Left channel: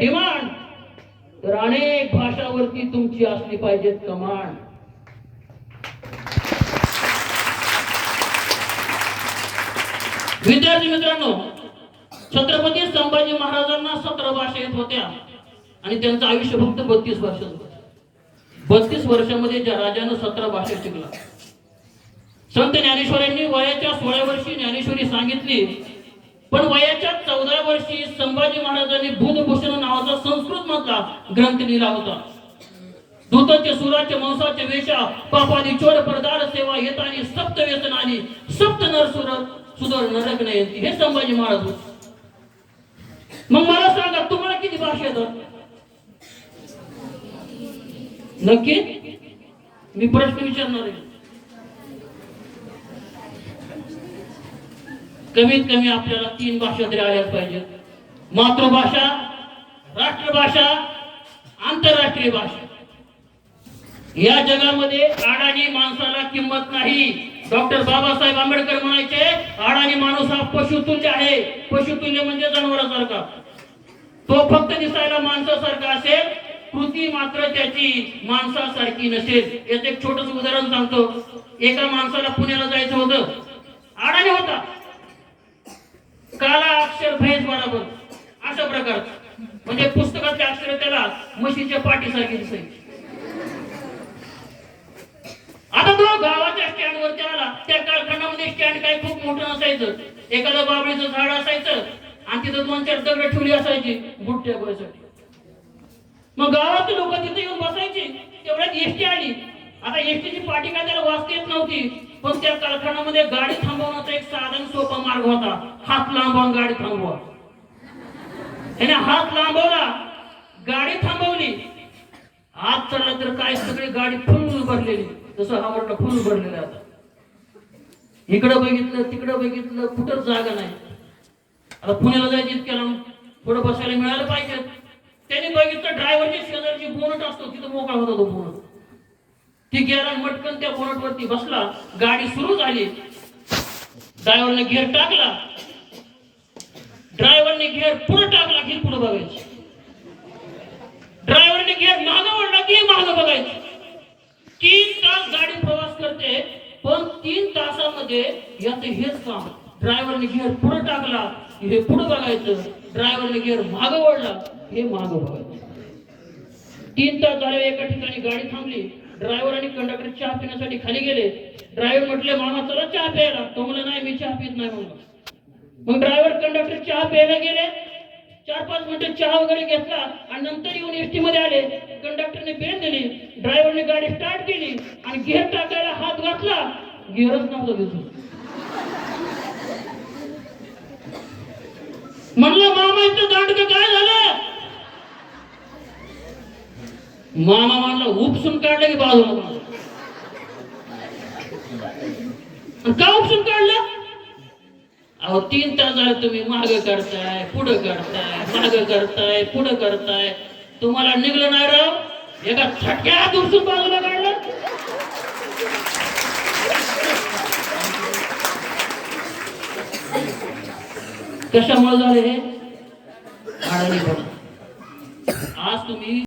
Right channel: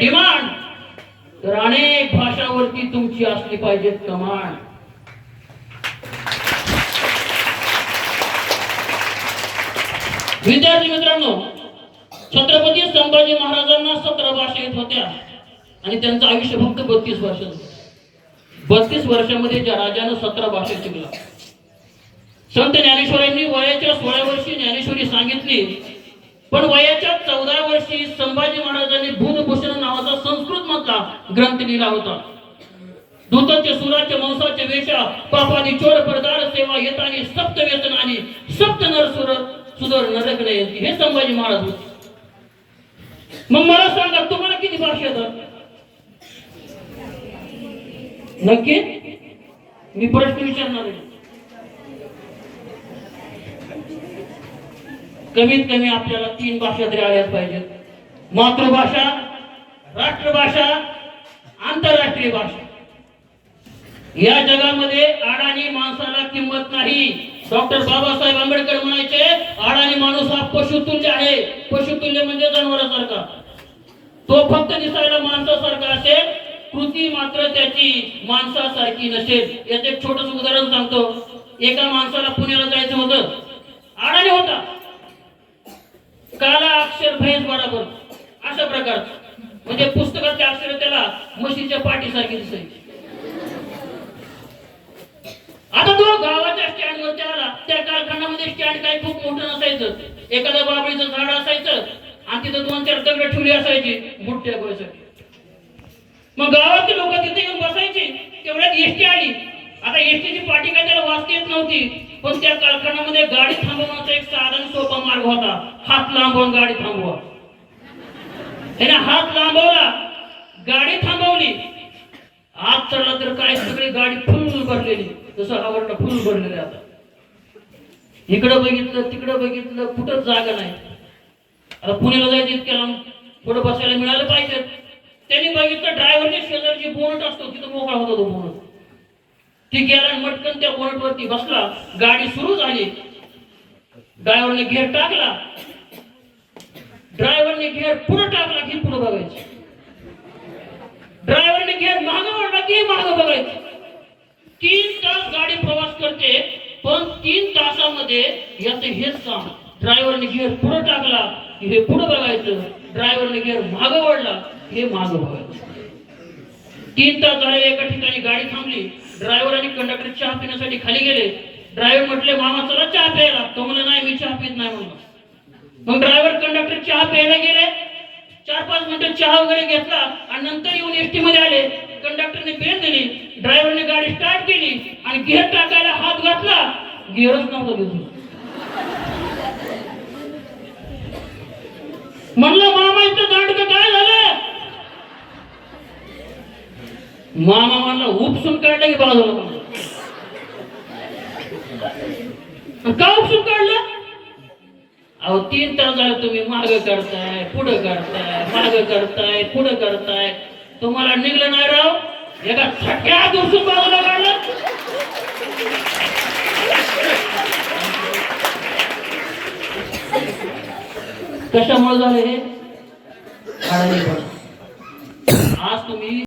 Demand तर अनेक भाषावरती तुमची असली पाहिजेत कमांड. विद्यार्थी मित्रांनो छत्रपती संभाजी महाराजांना सतरा भाषा येत होत्या आणि त्यांचं आयुष्य फक्त बत्तीस वर्षाचं बत्तीस वर्षामध्ये ज्या राजानं सतरा भाषा शिकला संत ज्ञानेश्वरांनी वयाच्या सोळा वर्षी ज्ञानेश्वरी सांगितली पण वयाच्या चौदा वर्षी संभाजी महाराजांनी बुधभूषण नावाचा संस्कृत मधला ग्रंथ लिहिला होता. दूताचे सुराचे मांसाचे वेशा पापानी चोर परदार सेवा येतानी सप्त वेतन आली सप्त नर सुर सुदर नरक नाही हे संभाजी महाराज होते. मग मला सांगा तुम्हाला किती भाषा येतात? नक्की? मी प्रश्न विचारणार आहे. कमीत कमी आपल्याला तीन भाषा तरी आल्याच पाहिजेत. मातृभाषा राष्ट्रभाषा आंतरराष्ट्रीय भाषा. या जगामध्ये अडाणी माणसाला किंमत नाही. डॉक्टर बाबासाहेब आंबेडकर म्हणायचे अडाणी माणूस हा पशुतुल्य आहे. पशुतुल्य म्हणजे जनावरासारखा. तो फक्त दिसायला माणसासारखा असेल कृती मात्र त्याची माणसासारखी नसेल. याचं एक छोटस उदाहरण सांगतो. एका माणसाला पुण्याला जायचं होतं. अडाणी होता. काला भैस बरोबर असा प्रकार. म्हणजे पुस्तकातले अक्षर त्याला म्हशीच्या पाठीसारखी दिसायची. आता तो गावाच्या स्टँड वरती आला त्या कारखान्यामध्ये स्टँड काही खूप मोठं नसायचं. एखादं बाबळीचं झाड असायचं आणि तिथं दोन चार दगड ठेवली असायची बुट टेकवायसाठी मग गावातले लोक तिथे येऊन बसायचे. तेवढ्यात एसटी आली. आता एसटीची पाठी काय त्याला वाचता येत नव्हती. पण त्या कारखान्यामध्ये गाडी थांबवण्याचा एक साधन सोपा मार्ग होता? हात लांबवून गाडी थांबवा. त्याने हात लांबवला. गाडी थांबवली. हात चढला तर काय? सगळी गाडी फुल भरलेली जसं आवडलं फुल भरलेलं आता. इकडं बघितलं तिकडं बघितलं कुठंच जागा नाही. आता पुण्याला जायचं इतक्याला पुढं बसायला मिळालं पाहिजे. त्यांनी बघितलं ड्रायव्हरची शेजारची बोनट असतो तिथं मोकळा होता तो बोनट. ती गेला मटकन त्या बोनट वरती बसला. गाडी सुरू झाली. ड्रायव्हरने घेर टाकला. ड्रायव्हरने घेर पुढे टाकला की पुढे बघायची. ड्रायव्हरने घेर माग ओढला की माग बघायचं. तीन तास गाडी प्रवास करते पण तीन तासामध्ये याचं हेच काम. ड्रायव्हरने घेर पुढे टाकला हे पुढे बघायचं. ड्रायव्हरने घेर माग ओढला हे माग बघायचं. तीन तास झाले एका ठिकाणी गाडी थांबली. ड्रायव्हर आणि कंडक्टर चहा पिण्यासाठी खाली गेले. ड्रायव्हर म्हटले मामा चला चहा प्यायला. तो म्हणलं नाही मी चहा पित नाही म्हणलं मग ड्रायव्हर कंडक्टर चहा प्यायला गेले. चार पाच मिनिटं चहा वगैरे घेतला आणि नंतर येऊन एसटी मध्ये आले. कंडक्टरने बेल दिली. ड्रायव्हरने गाडी स्टार्ट केली आणि गिअर टाकायला हात घातला. गिअरच नव्हता दिसत म्हणलं मामा इथं दांडकं काय मामा म्हणला उपसून काढलं की बाजूला का उपसून काढलं? अहो तीन तास झालं तुम्ही माग करताय पुढं करताय माग करताय पुढं करताय. तुम्हाला निघलं नाही राव. एका छक्यात उपसून बाजूला काढलं. कशामुळे झाले हे? आज तुम्ही